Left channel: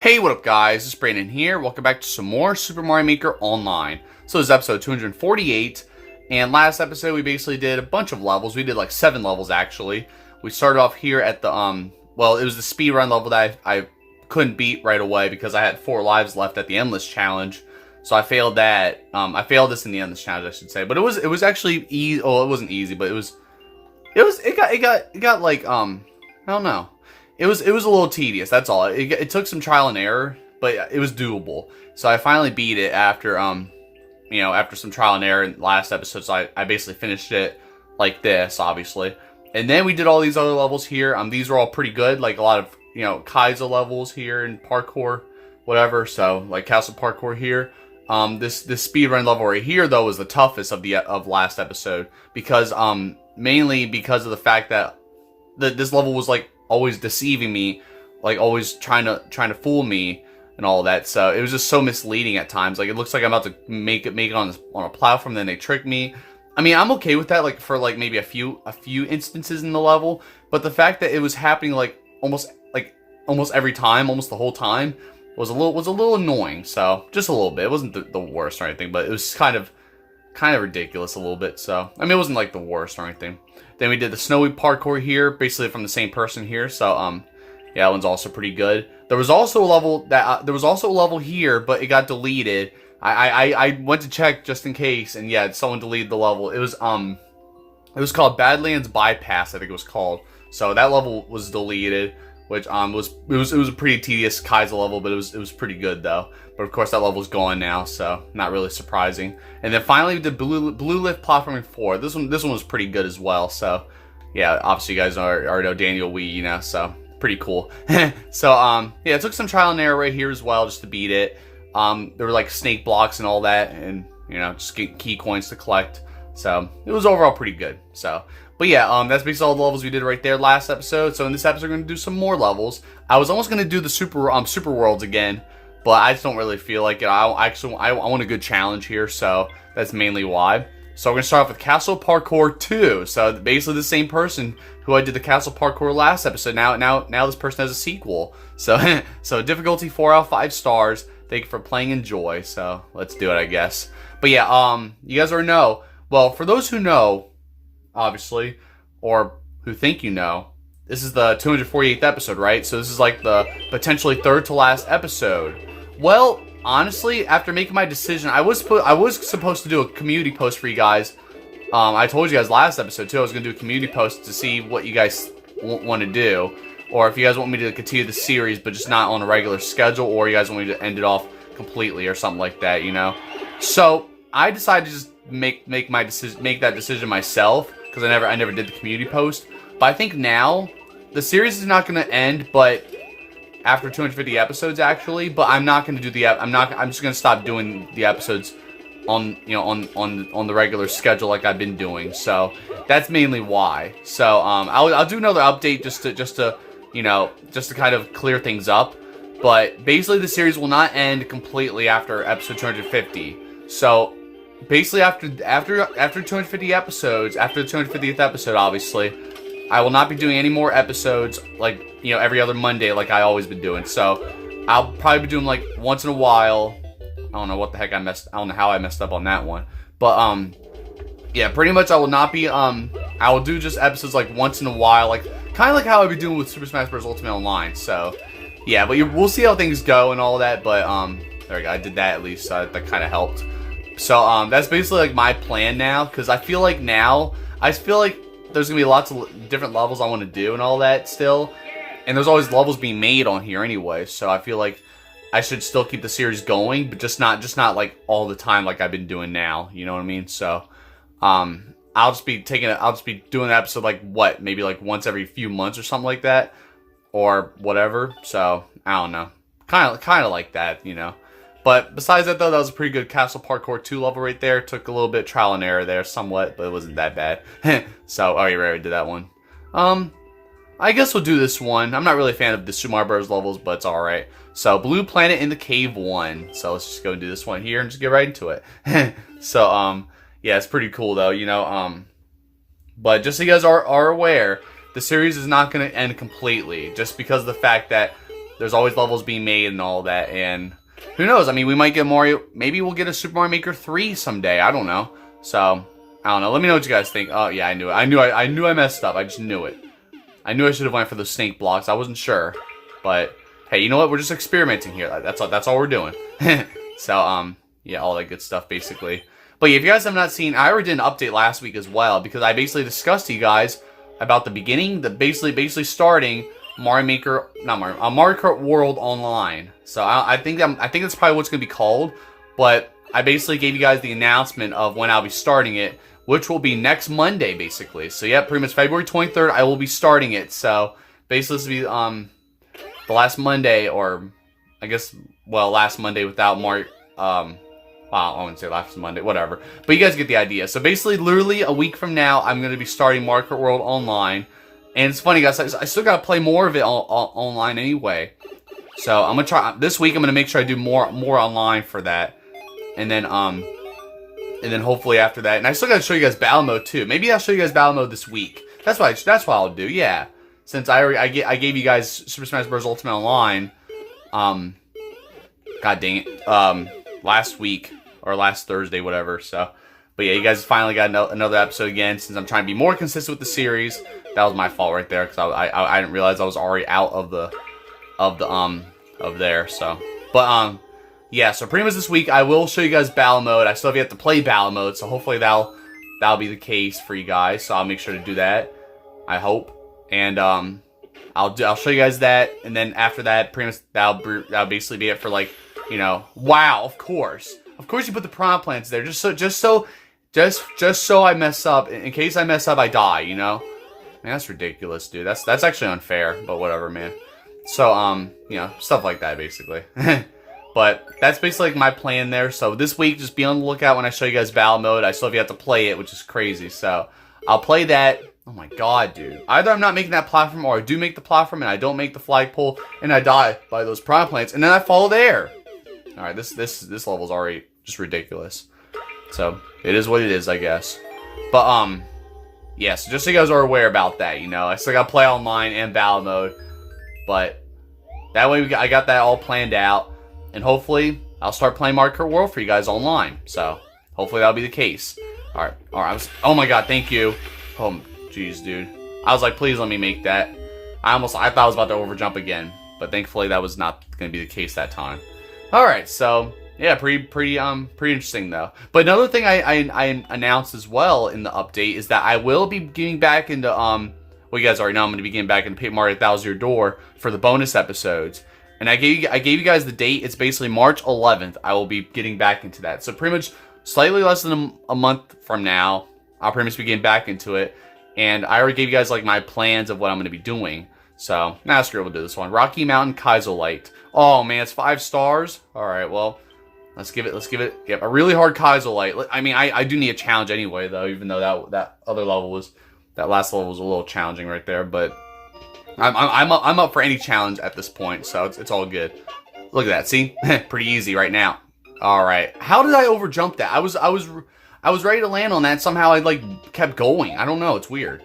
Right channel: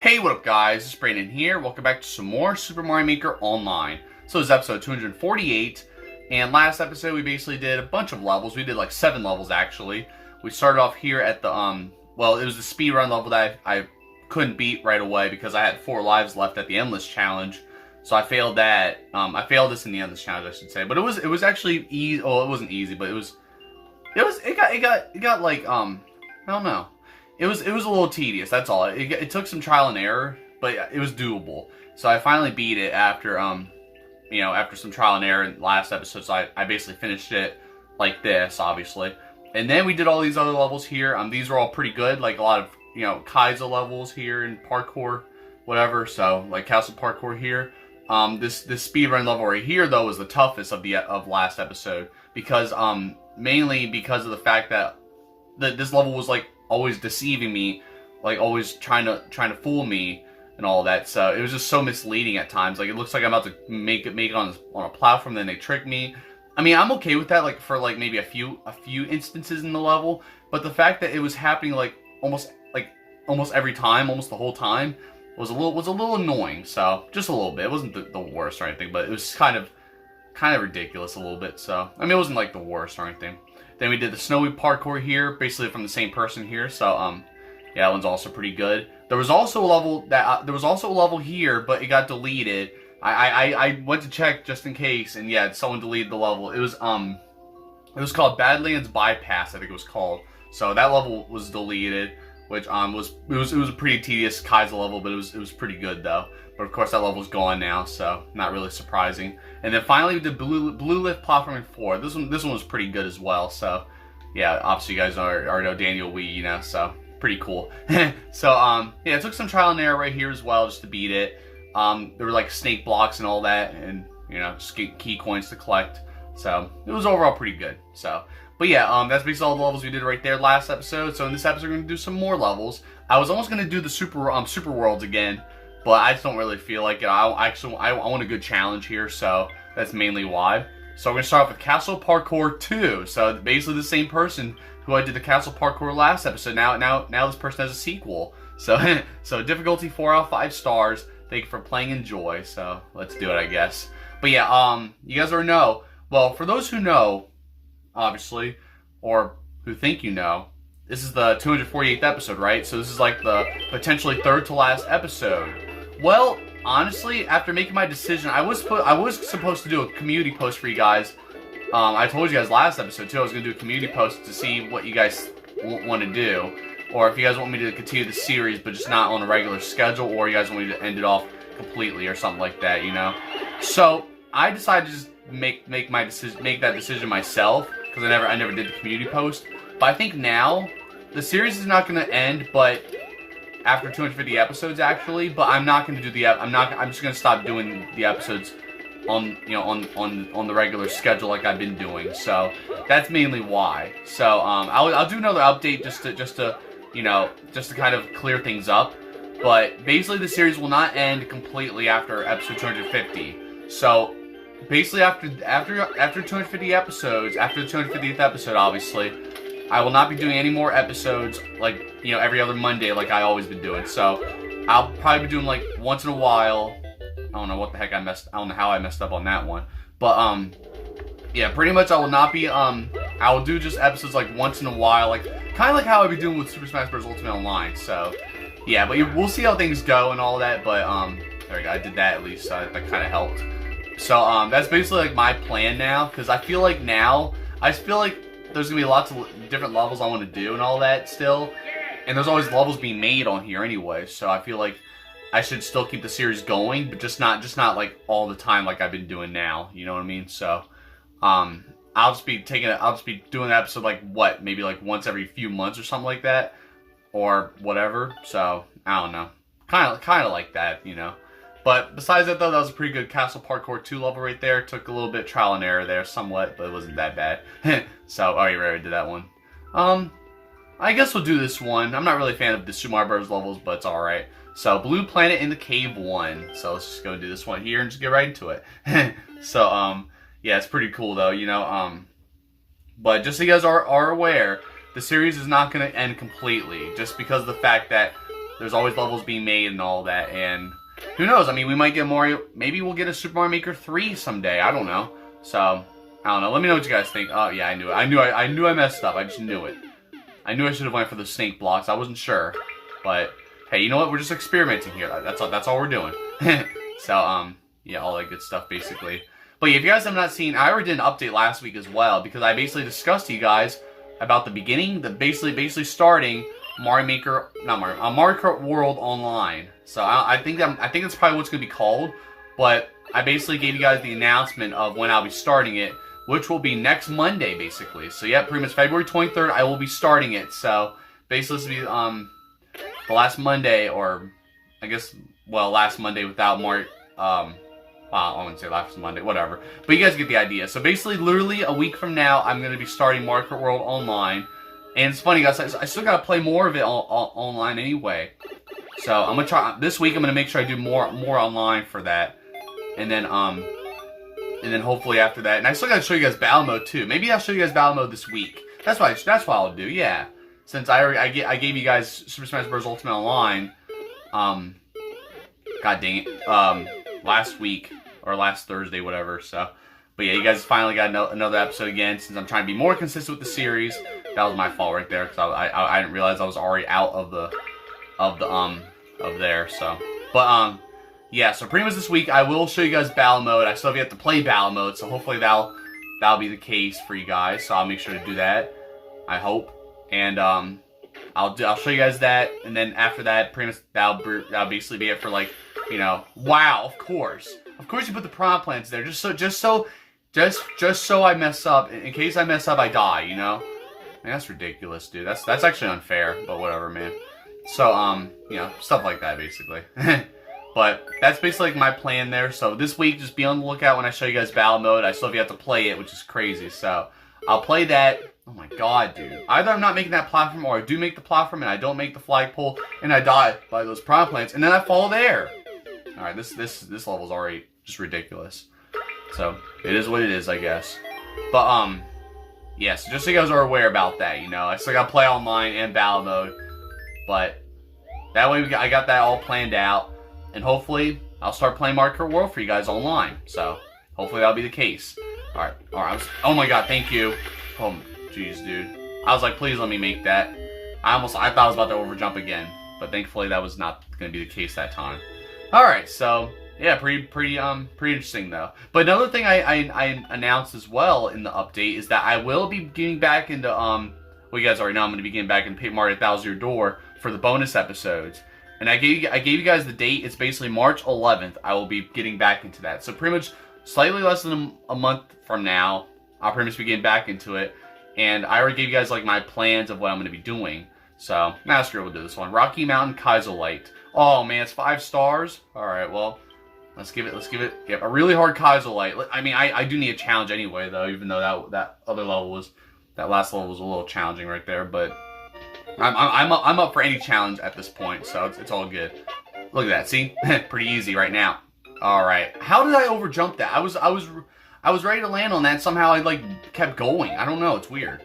Hey, what up guys, it's Brandon here. Welcome back to some more Super Mario Maker Online. So this is episode 248, and last episode we basically did a bunch of levels. We did like 7 levels actually. We started off here at the, well, it was the speedrun level that I couldn't beat right away because I had 4 lives left at the Endless Challenge. So I failed that. I failed this in the Endless Challenge, I should say. But it was actually easy. Oh, it wasn't easy, but it got like, I don't know. It was a little tedious, that's all. It took some trial and error, but it was doable. So I finally beat it after, after some trial and error in last episode. So I basically finished it like this, obviously. And then we did all these other levels here. These are all pretty good, like a lot of, Kaizo levels here and parkour, whatever. So, like castle parkour here. This speedrun level right here, though, was the toughest of last episode. Because, mainly because of the fact that this level was, like, always deceiving me, like always trying to fool me and all that. So it was just so misleading at times. Like it looks like I'm about to make it on a platform, then they trick me. I mean, I'm okay with that, like for like maybe a few instances in the level, but the fact that it was happening like almost every time, almost the whole time, was a little annoying. So just a little bit. It wasn't the worst or anything, but it was kind of ridiculous a little bit. So I mean, it wasn't like the worst or anything. Then we did the snowy parkour here, basically from the same person here. So yeah, that one's also pretty good. There was also a level here, but it got deleted. I went to check just in case, and yeah, someone deleted the level. It was called Badlands Bypass, I think it was called. So that level was deleted, which was a pretty tedious Kaizo level, but it was pretty good though. But of course that level's gone now, so not really surprising. And then finally we did Blue Lift Platforming 4. This one was pretty good as well. So yeah, obviously you guys already know Daniel Wee, so pretty cool. So yeah, it took some trial and error right here as well just to beat it. There were like snake blocks and all that, and just key coins to collect. So it was overall pretty good. So, but yeah, that's basically all the levels we did right there last episode. So in this episode we're gonna do some more levels. I was almost gonna do the super worlds again, but I just don't really feel like it. I want a good challenge here, so that's mainly why. So we're gonna start off with Castle Parkour 2. So basically the same person who I did the Castle Parkour last episode. Now this person has a sequel. So so difficulty 4 out of 5 stars. Thank you for playing. Enjoy. So let's do it, I guess. But yeah, you guys already know. Well, for those who know, obviously, or who think you know, this is the 248th episode, right? So this is like the potentially 3rd to last episode. Well, honestly, after making my decision, I was supposed to do a community post for you guys. I told you guys last episode too I was going to do a community post to see what you guys want to do, or if you guys want me to continue the series but just not on a regular schedule, or you guys want me to end it off completely or something like that, So I decided to just make that decision myself because I never did the community post. But I think now the series is not going to end, but after 250 episodes actually, but I'm not going to do I'm just going to stop doing the episodes on the regular schedule like I've been doing. So that's mainly why. So I'll do another update just to kind of clear things up. But basically the series will not end completely after episode 250. So basically after 250 episodes, after the 250th episode, obviously, I will not be doing any more episodes like, every other Monday like I always been doing. So I'll probably be doing like once in a while. I don't know what the heck I don't know how I messed up on that one. But yeah, pretty much I will not be I will do just episodes like once in a while, like kind of like how I've been doing with Super Smash Bros. Ultimate Online. So yeah, but we'll see how things go and all that. But there we go. I did that at least, so that kind of helped. So that's basically like my plan now, because I feel like there's gonna be lots of different levels I want to do and all that still, and there's always levels being made on here anyway. So I feel like I should still keep the series going, but just not like all the time like I've been doing now. You know what I mean? So I'll just be doing an episode like maybe like once every few months or something like that, or whatever. So I don't know, kind of like that, But besides that, though, that was a pretty good Castle Parkour 2 level right there. Took a little bit of trial and error there, somewhat, but it wasn't that bad. So, oh, you already did that one. I guess we'll do this one. I'm not really a fan of the Super Mario Bros. Levels, but it's alright. So, Blue Planet in the Cave 1. So, let's just go and do this one here and just get right into it. So, yeah, it's pretty cool, though, But just so you guys are aware, the series is not going to end completely, just because of the fact that there's always levels being made and all that, and who knows? I mean, we might get more. Maybe we'll get a Super Mario Maker 3 someday. I don't know. So I don't know. Let me know what you guys think. Oh yeah, I knew it. I knew I messed up. I just knew it. I knew I should have went for those snake blocks. I wasn't sure, but hey, you know what? We're just experimenting here. That's all. That's all we're doing. So yeah, all that good stuff basically. But if you guys have not seen, I already did an update last week as well because I basically discussed to you guys about the beginning, basically starting Mario Kart World Online. So I think that's probably what's gonna be called. But I basically gave you guys the announcement of when I'll be starting it, which will be next Monday, basically. So yeah, pretty much February 23rd, I will be starting it. So basically, this will be the last Monday, or I guess, well, last Monday without Mario. Well, I wouldn't say last Monday, whatever. But you guys get the idea. So basically, literally a week from now, I'm going to be starting Mario Kart World Online. And it's funny, guys, I still got to play more of it online anyway. So I'm going to try, this week I'm going to make sure I do more online for that. And then hopefully after that, and I still got to show you guys Battle Mode too. Maybe I'll show you guys Battle Mode this week. That's what I'll do, yeah. Since I gave you guys Super Smash Bros. Ultimate Online, god dang it, last week, or last Thursday, whatever, so. But yeah, you guys finally got another episode again, since I'm trying to be more consistent with the series. That was my fault right there, because I didn't realize I was already out of there, so. But, yeah, so pretty much this week, I will show you guys Battle Mode. I still have yet to play Battle Mode, so hopefully that'll be the case for you guys, so I'll make sure to do that, I hope. And, I'll show you guys that, and then after that, pretty much that'll basically be it for, like, you know, wow, of course you put the piranha plants there, just so I mess up, in case I mess up, I die, you know? Man, that's ridiculous, dude, that's actually unfair, but whatever, man. So, you know, stuff like that, basically. But that's basically like my plan there, so this week, just be on the lookout when I show you guys Battle Mode. I still have yet to play it, which is crazy, so I'll play that. Oh my god, dude. Either I'm not making that platform, or I do make the platform, and I don't make the flagpole, and I die by those piranha plants, and then I fall there. Alright, this level's already just ridiculous. So, it is what it is, I guess. But, yeah, so just so you guys are aware about that, you know. I still gotta play online and Battle Mode. But, that way I got that all planned out. And hopefully, I'll start playing Mario Kart World for you guys online. So, hopefully that'll be the case. Alright, oh my god, thank you. Oh, jeez, dude. I was like, please let me make that. I thought I was about to overjump again. But thankfully, that was not gonna be the case that time. Alright, so, yeah, pretty interesting, though. But another thing I announced as well in the update is that I will be getting back into, well, you guys already know I'm going to be getting back into Paper Mario Thousand Year Door for the bonus episodes. And I gave you guys the date. It's basically March 11th. I will be getting back into that. So pretty much slightly less than a month from now, I'll pretty much be getting back into it. And I already gave you guys, like, my plans of what I'm going to be doing. So, now screw it, we'll do this one. Rocky Mountain Kaizo Light. Oh, man, it's 5 stars? Alright, well, let's give it a really hard Kaizo Light. I mean, I do need a challenge anyway, though, even though that other level was, that last level was a little challenging right there, but I'm up for any challenge at this point, so it's all good. Look at that, see? Pretty easy right now. Alright, how did I overjump that? I was ready to land on that, and somehow I, like, kept going. I don't know, it's weird.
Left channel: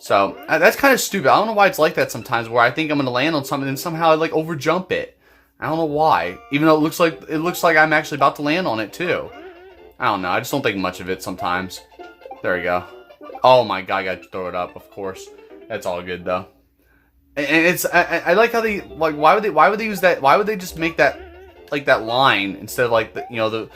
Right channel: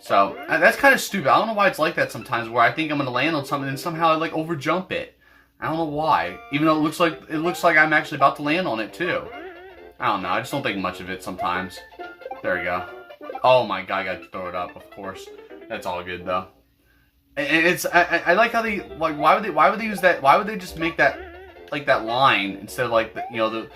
So, that's kind of stupid. I don't know why it's like that sometimes, where I think I'm going to land on something, and somehow I, like, overjump it. I don't know why. Even though it looks like I'm actually about to land on it, too. I don't know. I just don't think much of it sometimes. There we go. Oh my god, I got to throw it up, of course. That's all good, though. And it's... I like how they... Like, why would they use that... Why would they just make that... Like, that line, instead of, like, the, you know, the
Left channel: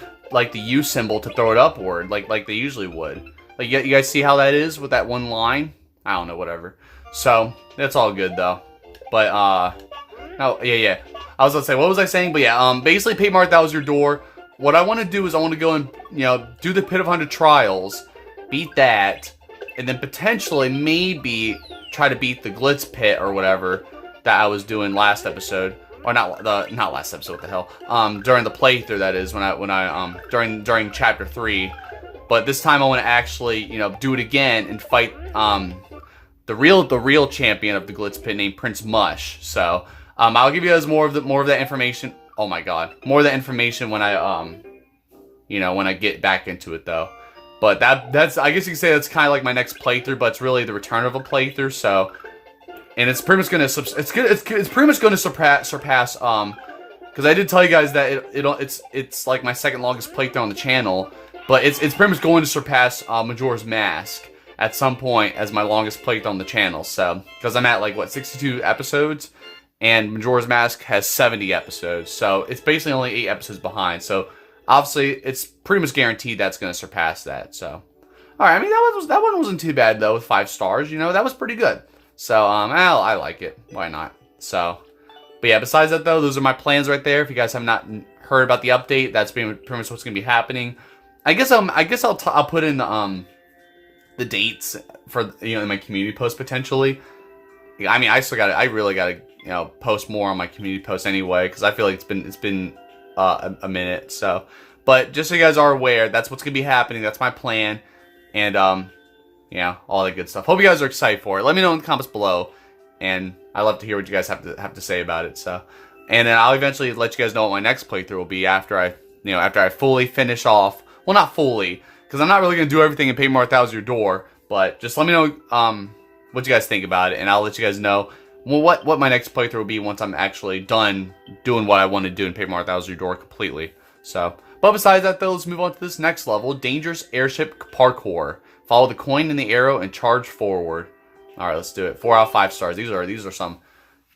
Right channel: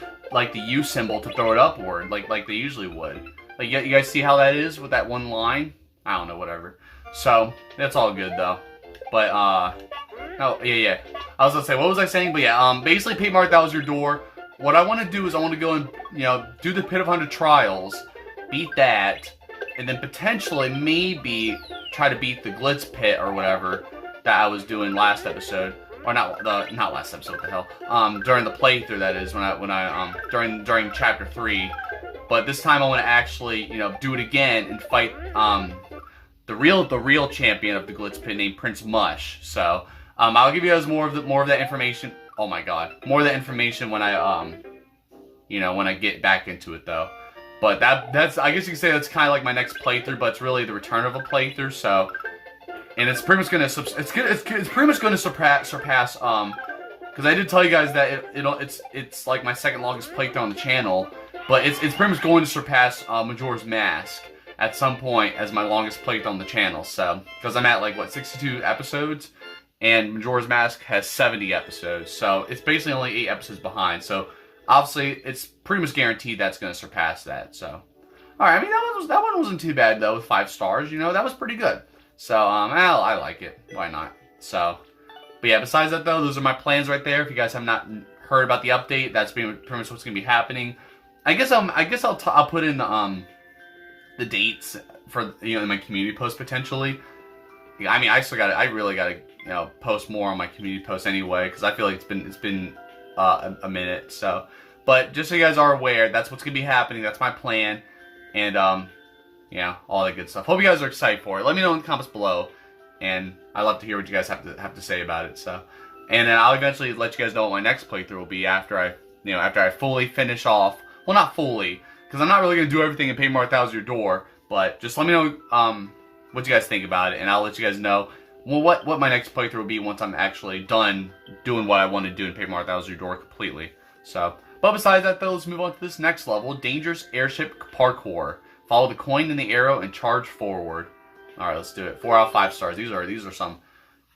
U symbol to throw it upward, like they usually would. Like, you guys see how that is with that one line? I don't know, whatever. So, that's all good, though. But, oh, yeah. I was gonna say, what was I saying? But yeah, basically, Paper Mario Thousand Year Door. What I want to do is I want to go and, you know, do the Pit of 100 Trials, beat that, and then potentially, maybe, try to beat the Glitz Pit or whatever that I was doing last episode. Or not last episode, what the hell. During the playthrough, that is, during Chapter 3. But this time I want to actually, you know, do it again and fight, the real champion of the Glitz Pit named Prince Mush. So, I'll give you guys more of that information. Oh my god. More of that information when I, you know, when I get back into it, though. But that's, I guess you could say that's kind of like my next playthrough, but it's really the return of a playthrough, so and it's pretty much gonna it's pretty much gonna surpass because I did tell you guys that it's like my second longest playthrough on the channel, but it's pretty much going to surpass Majora's Mask at some point as my longest playthrough on the channel. So because I'm at like what 62 episodes, and Majora's Mask has 70 episodes, so it's basically only 8 episodes behind. So obviously it's pretty much guaranteed that's going to surpass that. So all right, I mean that one wasn't too bad though with 5 stars. You know, that was pretty good. So I like it. Why not? So. But yeah, besides that though, those are my plans right there. If you guys have not heard about the update, that's pretty much what's going to be happening. I guess I'll put in the dates for in my community post potentially. I mean, I really gotta post more on my community post anyway, because I feel like it's been a minute. So, but just so you guys are aware, that's what's going to be happening. That's my plan, and all that good stuff. Hope you guys are excited for it. Let me know in the comments below. And I love to hear what you guys have to say about it. So, and then I'll eventually let you guys know what my next playthrough will be after I fully finish off. Well, not fully, because I'm not really gonna do everything in Paper Mario Thousand Year Door. But just let me know what you guys think about it, and I'll let you guys know what my next playthrough will be once I'm actually done doing what I want to do in Paper Mario Thousand Year Door completely. So, but besides that though, let's move on to this next level: Dangerous Airship Parkour. Follow the coin and the arrow and charge forward. All right, let's do it. 4 out of 5 stars. These are some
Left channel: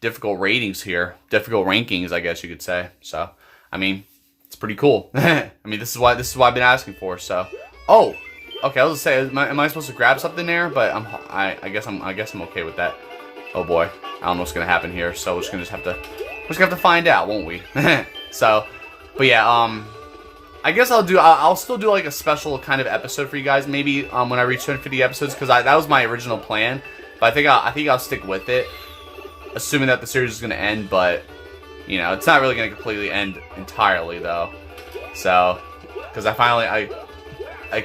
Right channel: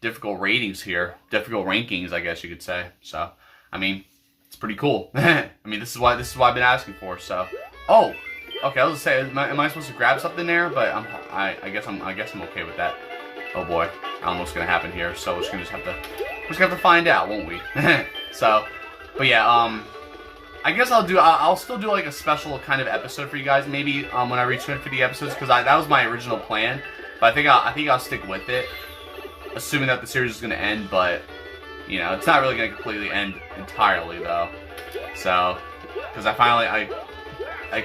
difficult ratings here. Difficult rankings, I guess you could say. So, I mean, it's pretty cool. I mean, this is what I've been asking for. So, oh, okay. I was gonna say, am I supposed to grab something there? But I guess I'm okay with that. Oh boy, I don't know what's gonna happen here. So we're just gonna have to find out, won't we? So, but yeah, I guess I'll still do like a special kind of episode for you guys, maybe when I reach 250 episodes, because that was my original plan. But I think I'll stick with it, assuming that the series is going to end. But it's not really going to completely end entirely though. So, because I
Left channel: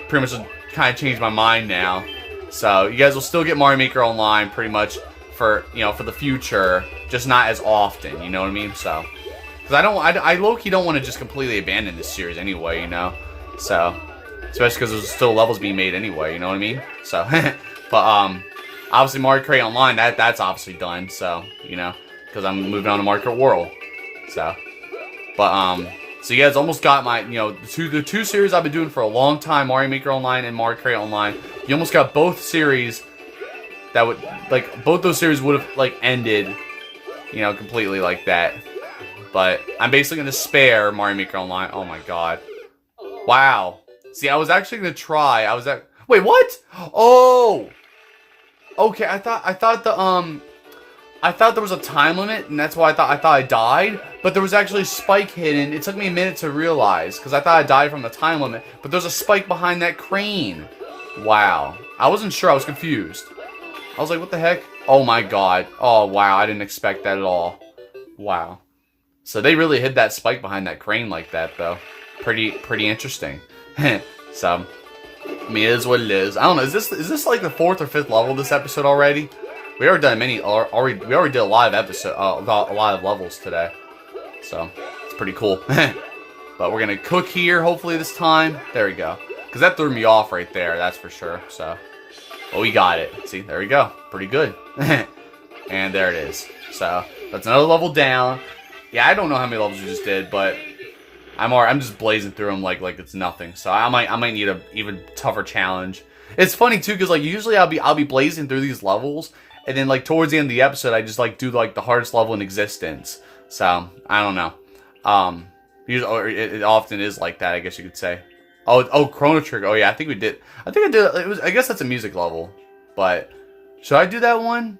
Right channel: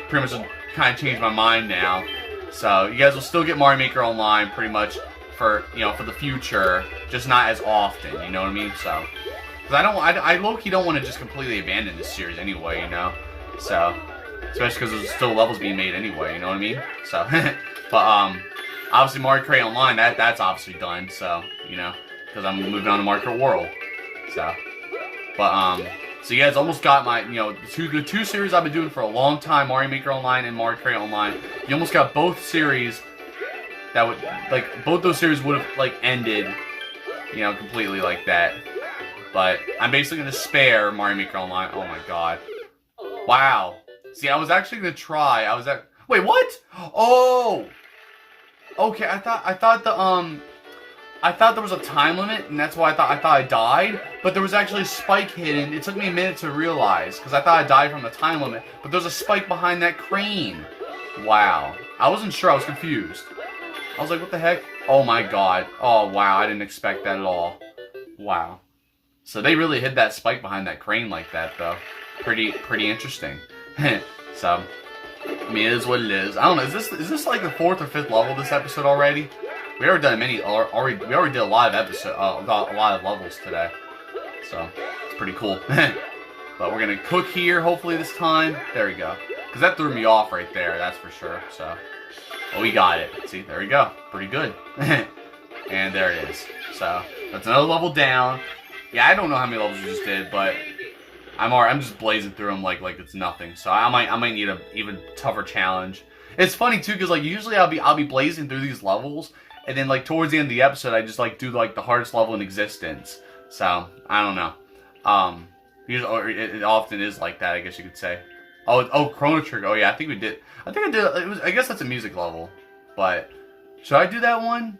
pretty much kind of changed my mind now. So you guys will still get Mario Maker Online pretty much for the future, just not as often. You know what I mean? So, because I low-key don't want to just completely abandon this series anyway. So especially because there's still levels being made anyway. You know what I mean? So, but obviously, Mario Kart Online, that's obviously done, so, because I'm moving on to Mario Kart World, so, but, so you guys almost got my, the two series I've been doing for a long time, Mario Maker Online and Mario Kart Online, you almost got both series that would, both those series would have, ended, completely like that, but I'm basically going to spare Mario Maker Online. Oh my god. Wow. See, I was actually going to try, wait, what? Oh! Okay, I thought there was a time limit, and that's why I thought I died. But there was actually a spike hidden. It took me a minute to realize, because I thought I died from the time limit. But there's a spike behind that crane. Wow, I wasn't sure. I was confused. I was like, what the heck? Oh my god. Oh wow, I didn't expect that at all. Wow. So they really hid that spike behind that crane like that, though. Pretty interesting. So. I mean, it is what it is. I don't know. Is this like the 4th or 5th level this episode already? We already done we already did a lot of levels today, so it's pretty cool. But we're gonna cook here hopefully this time. There we go. Because that threw me off right there. That's for sure. So, oh, we got it. See, there we go. Pretty good. And there it is. So that's another level down. Yeah, I don't know how many levels we just did, but. I'm just blazing through them like it's nothing. So I might need a even tougher challenge. It's funny too, because usually I'll be blazing through these levels, and then towards the end of the episode I just do the hardest level in existence. So I don't know. Usually it often is like that, I guess you could say. Oh, Chrono Trigger. Oh yeah, I think I did. I guess that's a music level, but should I do that one?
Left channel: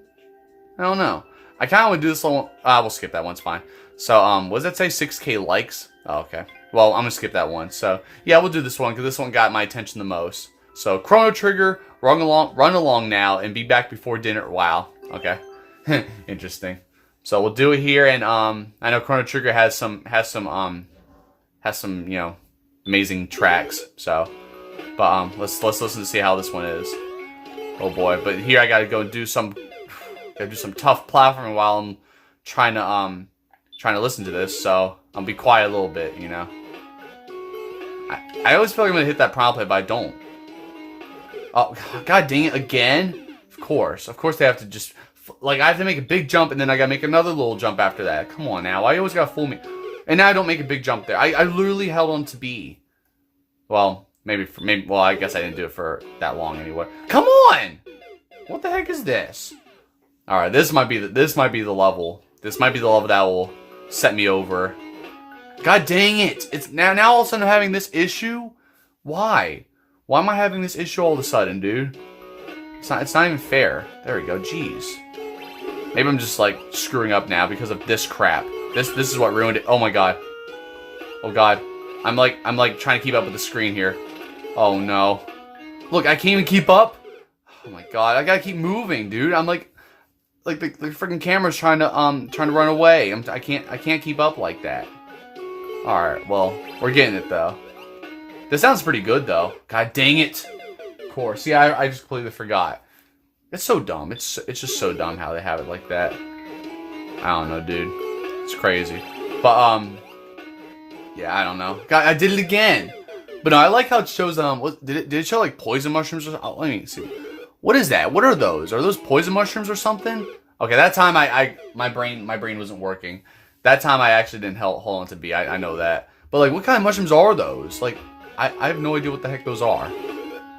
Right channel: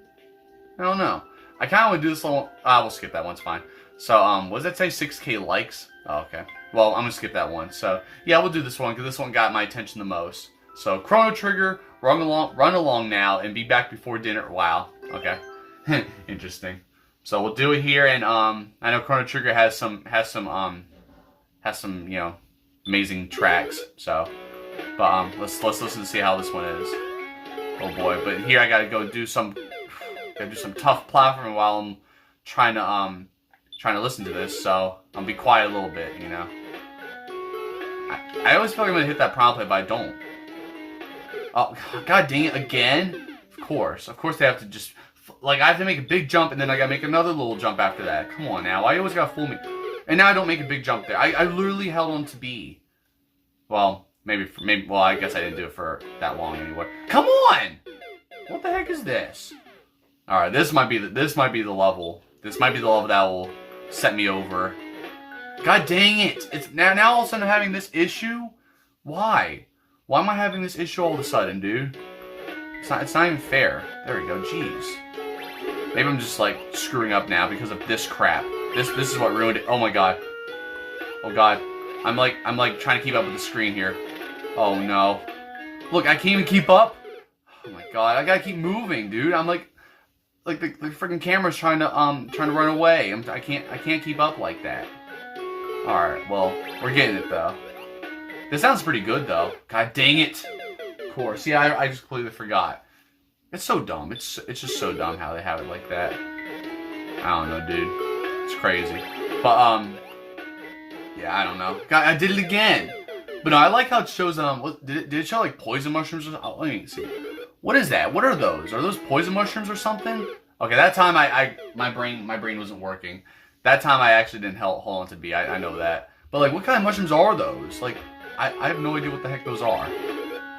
I don't know. I kind of want to do this level. We'll skip that one. It's fine. So what does that say? 6K likes. Oh, okay. Well, I'm gonna skip that one. So yeah, we'll do this one because this one got my attention the most. So Chrono Trigger, run along now, and be back before dinner. Wow. Okay. Interesting. So we'll do it here, and I know Chrono Trigger has some amazing tracks. So, but let's listen to see how this one is. Oh boy. But here I gotta go do some tough platforming while I'm trying to listen to this, so I'll be quiet a little bit, I always feel like I'm gonna hit that prompt play, but I don't. Oh, god dang it, again? Of course they have to just Like, I have to make a big jump, and then I gotta make another little jump after that. Come on now. Why you always gotta fool me? And now I don't make a big jump there. I literally held on to B. Well, well, I guess I didn't do it for that long anyway. Come on! What the heck is this? Alright, this might be the level. This might be the level that will set me over. God dang it! It's now all of a sudden I'm having this issue? Why? Why am I having this issue all of a sudden, dude? It's not even fair. There we go, jeez. Maybe I'm just like screwing up now because of this crap. This is what ruined it. Oh my god. Oh god. I'm like trying to keep up with the screen here. Oh no. Look, I can't even keep up. Oh my god, I gotta keep moving, dude. I'm like the freaking camera's trying to run away. I can't keep up like that. Alright, well, we're getting it though. This sounds pretty good though. God dang it. Of course. Yeah, I just completely forgot. It's so dumb. It's just so dumb how they have it like that. I don't know, dude. It's crazy. But yeah, I don't know. God, I did it again. But no, I like how it shows did it show like poison mushrooms or something? Let me see. What is that? What are those? Are those poison mushrooms or something? Okay, that time my brain wasn't working. That time I actually didn't hold on to B. I know that. But like, what kind of mushrooms are those? Like, I have no idea what the heck those are.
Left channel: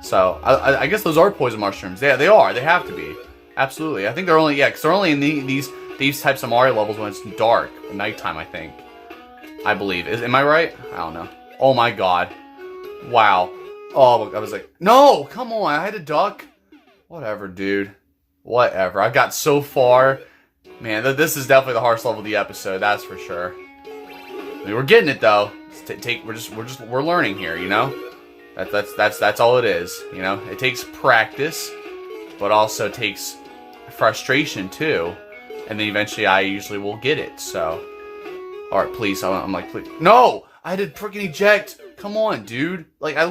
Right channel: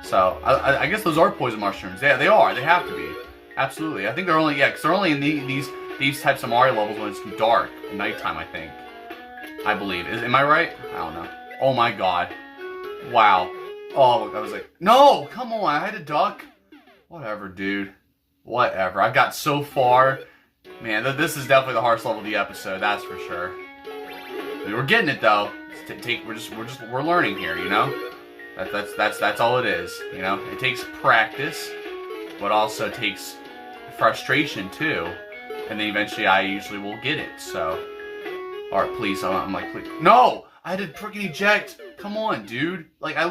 So I guess those are poison mushrooms. Yeah, they are. They have to be. Absolutely. I think they're only because they're only in these types of Mario levels when it's dark, at nighttime. I think. I believe. Am I right? I don't know. Oh my god. Wow. Oh, I was like, no, come on. I had to duck. Whatever, dude. Whatever. I got so far. Man, this is definitely the hardest level of the episode. That's for sure. I mean, we're getting it though. We're learning here, you know. That's all it is, you know. It takes practice, but also takes frustration too, and then eventually I usually will get it. So, all right, please. I'm like, please. No, I had to freaking eject. Come on, dude. Like I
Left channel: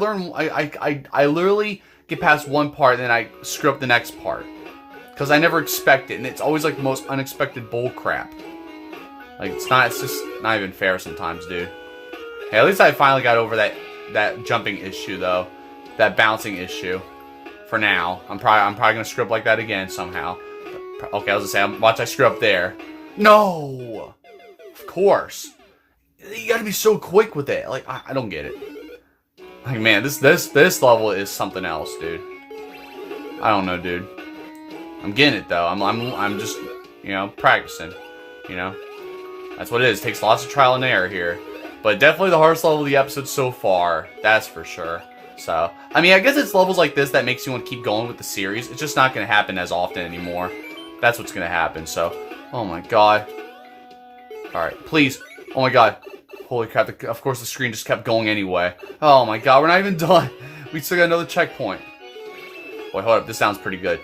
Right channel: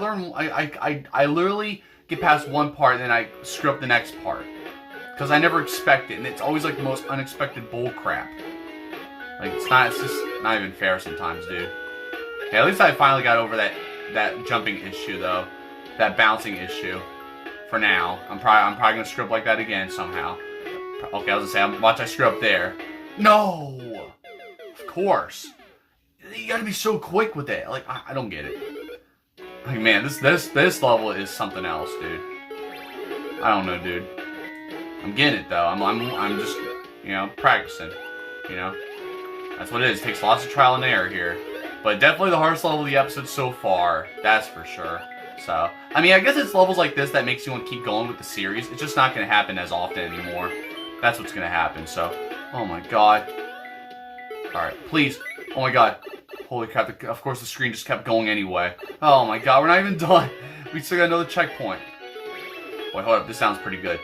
literally get past one part, and then I screw up the next part because I never expect it, and it's always like the most unexpected bull crap. Like it's just not even fair sometimes, dude. Hey, at least I finally got over that jumping issue though, that bouncing issue. For now, I'm probably gonna screw up like that again somehow. Okay, I was gonna say, watch I screw up there. No, of course. You gotta be so quick with it. Like I don't get it. Like man, this level is something else, dude. I don't know, dude. I'm getting it though. I'm just practicing. You know, that's what it is. It takes lots of trial and error here. But definitely the hardest level of the episode so far. That's for sure. So, I mean, I guess it's levels like this that makes you want to keep going with the series. It's just not going to happen as often anymore. That's what's going to happen. So, oh my god. Alright, please. Oh my god. Holy crap. Of course, the screen just kept going anyway. Oh my god, we're not even done. We still got another checkpoint. Wait, hold up. This sounds pretty good.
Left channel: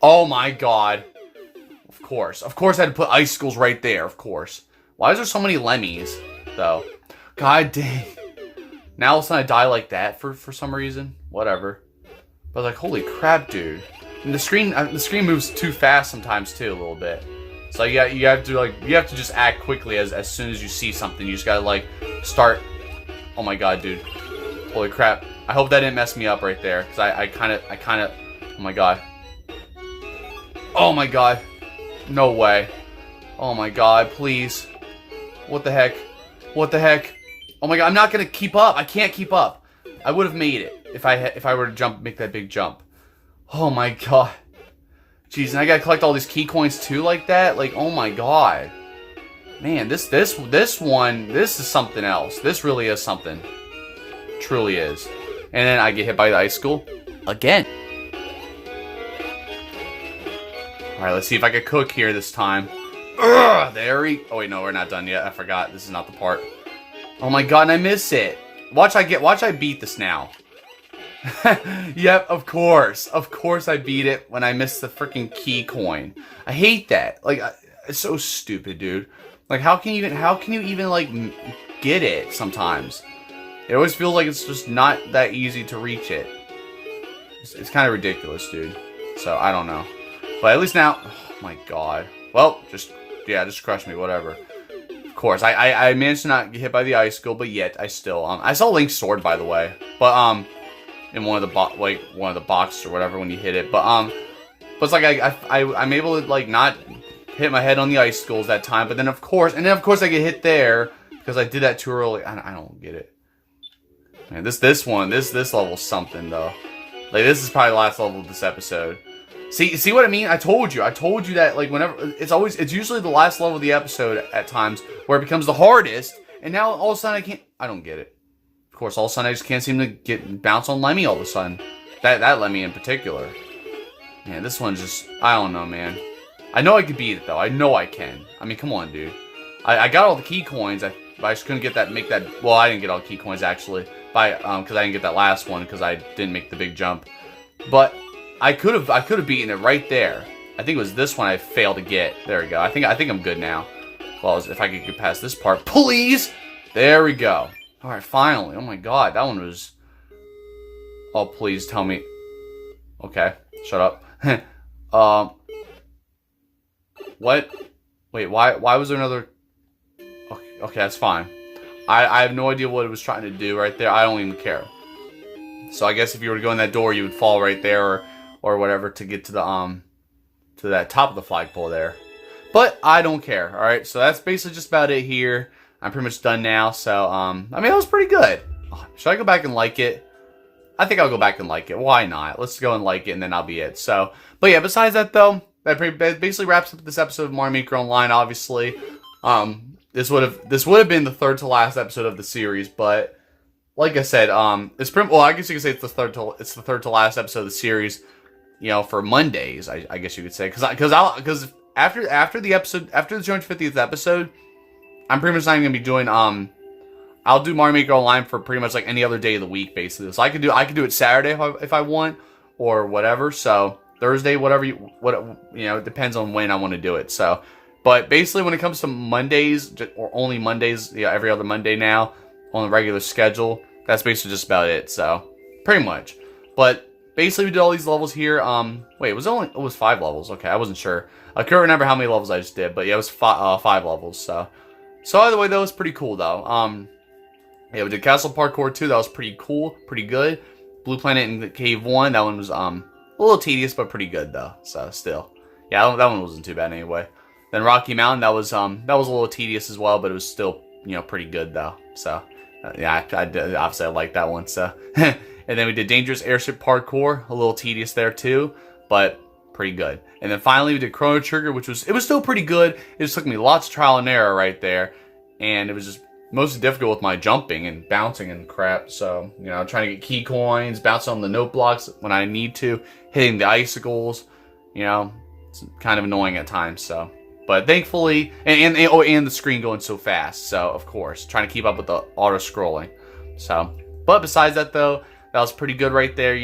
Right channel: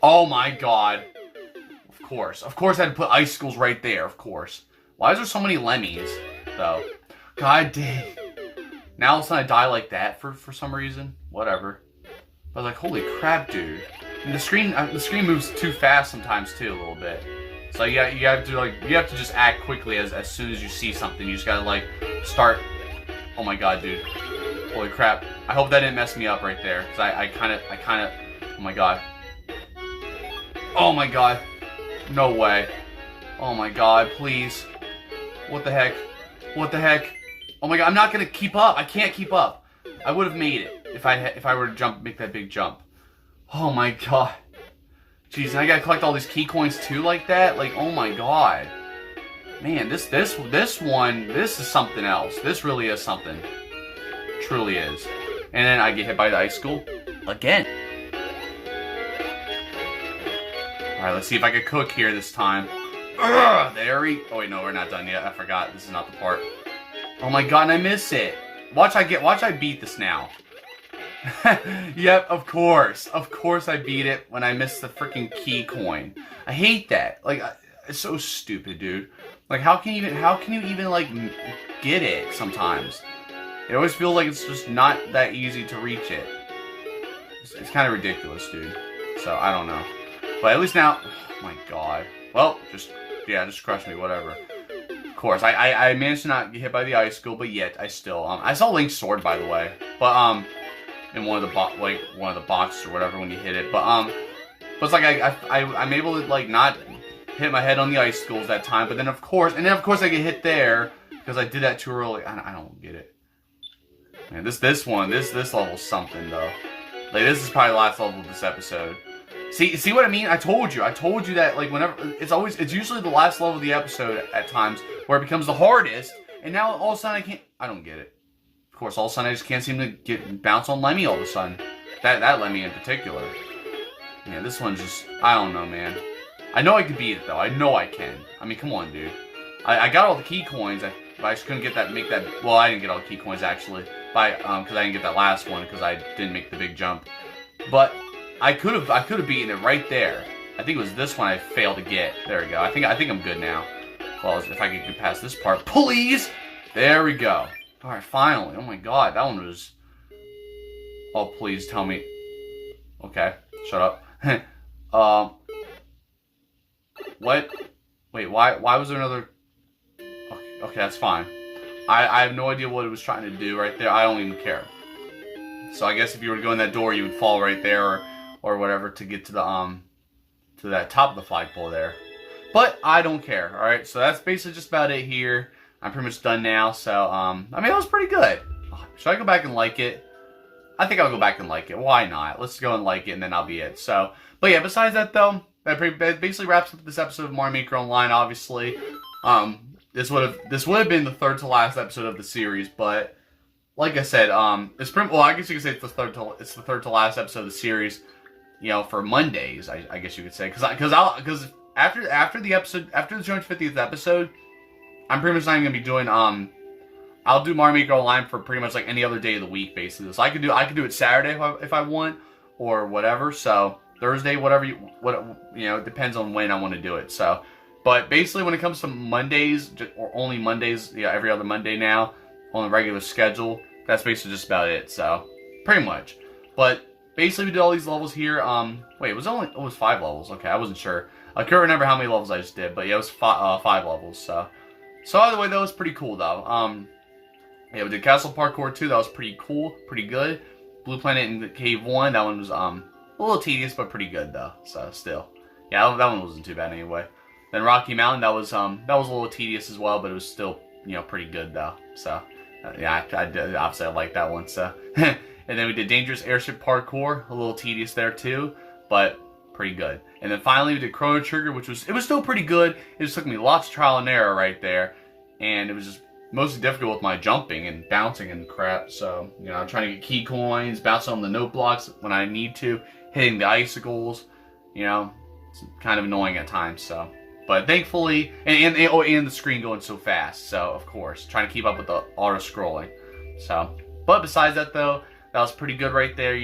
Oh my god. Of course I had to put icicles right there, of course. Why is there so many lemmies, though? God dang. Now all of a sudden I die like that for some reason. Whatever. But like, holy crap, dude. And the screen moves too fast sometimes too, a little bit. So you have to just act quickly as soon as you see something. You just gotta like start. Oh my god, dude. Holy crap. I hope that didn't mess me up right there. Cause I kinda oh my god. Oh my god. No way. Oh my god, please. What the heck? What the heck? Oh my god, I'm not gonna keep up. I can't keep up. I would have made it if I were to make that big jump. Oh my god. Jeez, and I gotta collect all these key coins too like that? Like, oh my god. Man, this is something else. This really is something. Truly is. And then I get hit by the icicle again. Alright, let's see if I can cook here this time. Ugh, oh wait, no, we're not done yet. I forgot. This is not the part. Oh my god, and I miss it. Watch I beat this now. Yep, of course. Of course I beat it when I missed the freaking key coin. I hate that. Like, it's so stupid, dude. Like, how can you even, like, get it sometimes? It always feels like it's just not that easy to reach it. It's kind of ridiculous, dude. So, I don't know. But at least now, oh my god. Well, just crush me, whatever. Of course, I managed to not get hit by the icicle, but yet I still, I saw Link's sword, by the way. But, in one of the boxes or whatever when you hit it. But it's like I'm able to like not hit my head on the icicles that time. But then of course I get hit there because I did that too early. I don't get it. Man, this level's something though. Like this is probably the last level of this episode. See what I mean? I told you that like whenever it's usually the last level of the episode at times where it becomes the hardest, and now all of a sudden I don't get it. Of course, all of a sudden I just can't seem to bounce on Lemmy all of a sudden. That Lemmy in particular. Man, this one just I don't know, man. I know I can beat it though. I know I can. I mean, come on, dude. I got all the key coins. I just couldn't get that. Well, I didn't get all the key coins actually, because I didn't get that last one because I didn't make the big jump. But I could have beaten it right there. I think it was this one I failed to get. There we go. I think I'm good now. Well, if I could get past this part, please. There we go. All right, finally. Oh my God, that one was. Oh, please tell me. Okay, shut up. What? Wait, why was there another? Okay, that's fine. I have no idea what it was trying to do right there. I don't even care. So I guess if you were to go in that door, you would fall right there or whatever to get to the to that top of the flagpole there. But I don't care. All right, so that's basically just about it here. I'm pretty much done now. So I mean, that was pretty good. Should I go back and like it? I think I'll go back and like it. Why not? Let's go and like it, and then I'll be it. So, but yeah, besides that though, that basically wraps up this episode of Mario Maker Online. Obviously, this would have been the third to last episode of the series, but like I said, it's pretty well. I guess you could say it's the third to last episode of the series. You know, for Mondays, I guess you could say, because after the 250th episode, I'm pretty much not even gonna be doing I'll do Mario Maker Online for pretty much like any other day of the week, basically. So I could do it Saturday if I want, or whatever. So Thursday, whatever it depends on when I want to do it. So, but basically when it comes to Mondays, or only Mondays, every other Monday now on a regular schedule, that's basically just about it. So pretty much, but basically we did all these levels here. Wait, it was 5 levels. Okay, I wasn't sure. I couldn't remember how many levels I just did, but yeah, it was 5 levels. So either way, that was pretty cool though. Yeah, we did Castle Parkour 2. That was pretty cool, pretty good. Blue Planet and Cave 1. That one was a little tedious, but pretty good though. So still, yeah, that one wasn't too bad anyway. Then Rocky Mountain. That was a little tedious as well, but it was still pretty good though. So yeah, I did, obviously I liked that one. So and then we did Dangerous Airship Parkour. A little tedious there too, but pretty good. And then finally we did Chrono Trigger, which was still pretty good. It just took me lots of trial and error right there, and it was just mostly difficult with my jumping and bouncing and crap. So, trying to get key coins, bouncing on the note blocks when I need to, hitting the icicles, it's kind of annoying at times. So, but thankfully, and the screen going so fast. So, of course, trying to keep up with the auto scrolling. So, but besides that though, that was pretty good right there.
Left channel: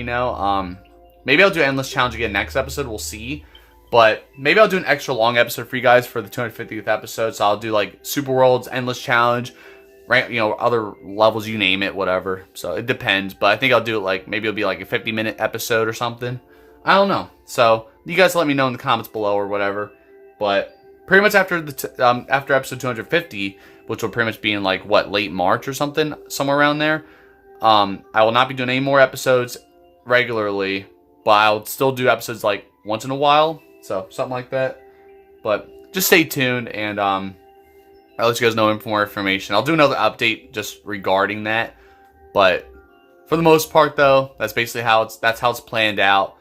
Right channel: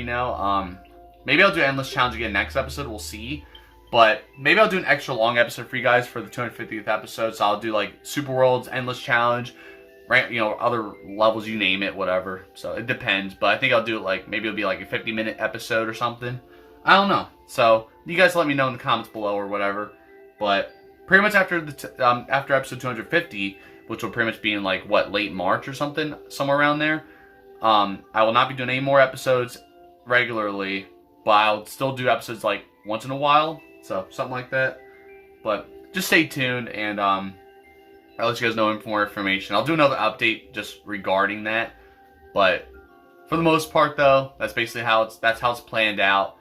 Maybe I'll do Endless Challenge again next episode. We'll see. But maybe I'll do an extra long episode for you guys for the 250th episode. So I'll do like Super World's Endless Challenge. Right, other levels, you name it, whatever. So it depends, but I think I'll do it like, maybe it'll be like a 50-minute episode or something. I don't know. So you guys let me know in the comments below or whatever. But pretty much after after episode 250, which will pretty much be in like late March or something, somewhere around there. I will not be doing any more episodes regularly, but I'll still do episodes like once in a while. So something like that. But just stay tuned, and I'll let you guys know more information. I'll do another update just regarding that. But for the most part, though, that's basically how it's planned out.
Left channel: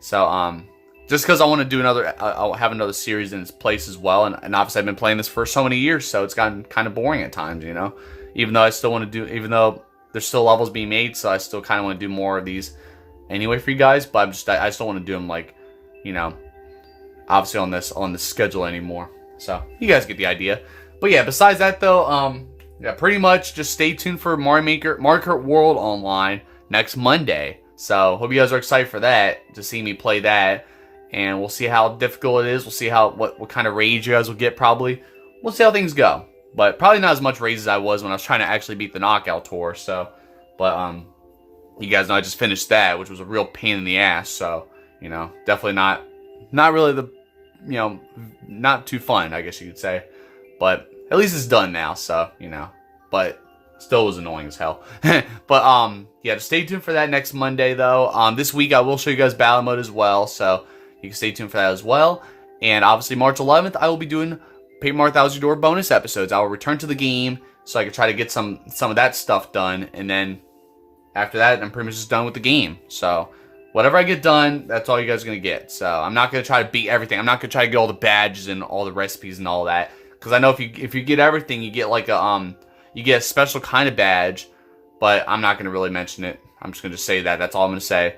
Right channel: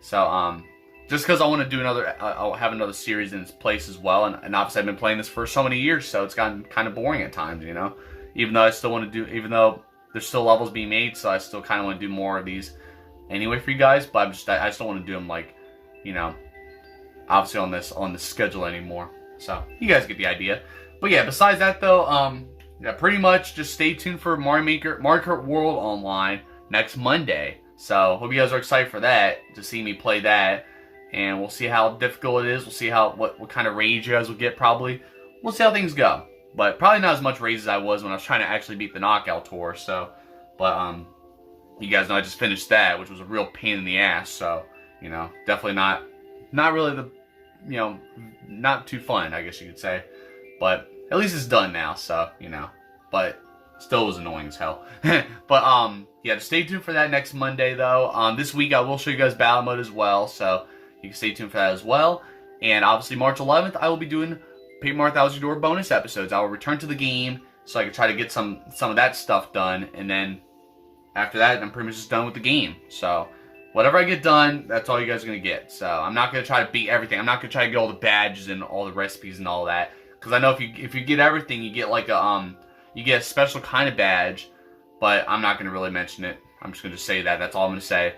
So, just because I want to do I'll have another series in its place as well. And obviously I've been playing this for so many years, so it's gotten kind of boring at times, Even though I still want to do, even though there's still levels being made, so I still kind of want to do more of these anyway for you guys. But I just don't want to do them like, obviously on this schedule anymore. So you guys get the idea. But yeah, besides that though, yeah, pretty much just stay tuned for Mario Kart World Online next Monday. So hope you guys are excited for that, to see me play that, and we'll see how difficult it is. We'll see what kind of rage you guys will get. Probably we'll see how things go, but probably not as much rage as I was when I was trying to actually beat the knockout tour. So, but you guys know I just finished that, which was a real pain in the ass. So definitely not really the not too fun, I guess you could say. But at least it's done now, so, but Still was annoying as hell. But yeah, just stay tuned for that next Monday though. This week I will show you guys battle mode as well, so you can stay tuned for that as well. And obviously March 11th I will be doing Paper Mario Thousand Door bonus episodes. I will return to the game so I can try to get some of that stuff done, and then after that I'm pretty much just done with the game. So whatever I get done, that's all you guys are gonna get. So I'm not gonna try to beat everything. I'm not gonna try to get all the badges and all the recipes and all that, because I know if you get everything, you get like a you get a special kind of badge, but I'm not gonna really mention it. I'm just gonna say that. That's all I'm gonna say.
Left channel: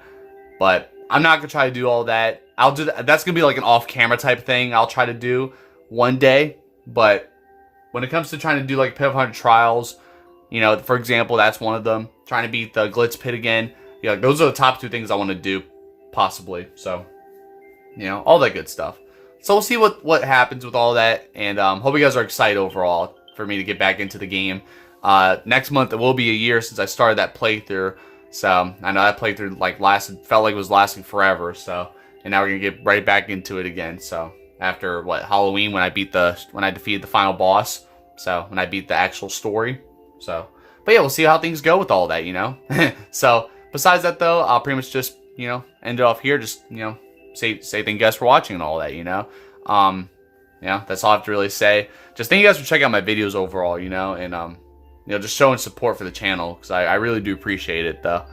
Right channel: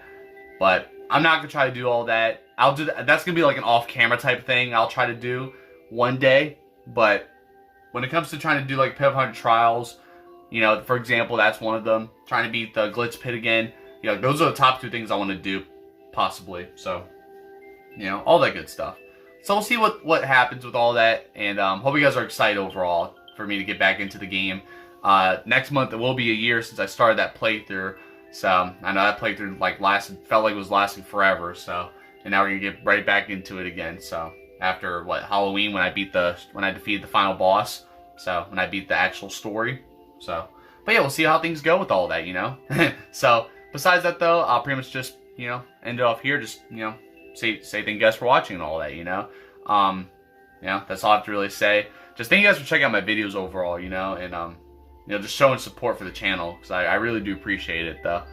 But I'm not gonna try to do all that. I'll do that. That's gonna be like an off-camera type thing. I'll try to do one day. But when it comes to trying to do like Pit 100 trials, you know, for example, that's one of them. Trying to beat the Glitz Pit again. Yeah, those are the top 2 things I want to do, possibly. So, you know, all that good stuff. So we'll see what happens with all that, and hope you guys are excited overall for me to get back into the game. Next month it will be a year since I started that playthrough, so I know that playthrough felt like it was lasting forever. So, and now we're gonna get right back into it again. So after Halloween, when I defeated the final boss, so when I beat the actual story. So, but yeah, we'll see how things go with all that, you know. So besides that though, I'll pretty much just, you know, end it off here. Just, you know, say thank you guys for watching and all that, you know. Yeah, that's all I have to really say. Just thank you guys for checking out my videos overall, you know, and you know, just showing support for the channel, because I really do appreciate it though.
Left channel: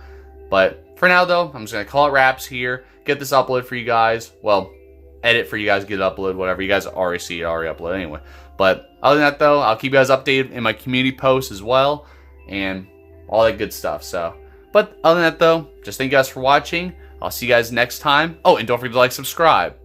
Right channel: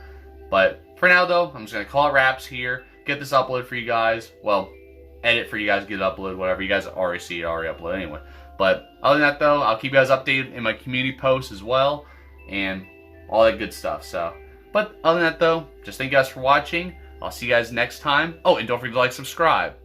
But for now though, I'm just gonna call it wraps here. Get this uploaded for you guys. Well, edit for you guys, get it uploaded, whatever. You guys already see it already uploaded anyway. But other than that though, I'll keep you guys updated in my community posts as well, and all that good stuff. So, but other than that though, just thank you guys for watching. I'll see you guys next time. Oh, and don't forget to like, subscribe.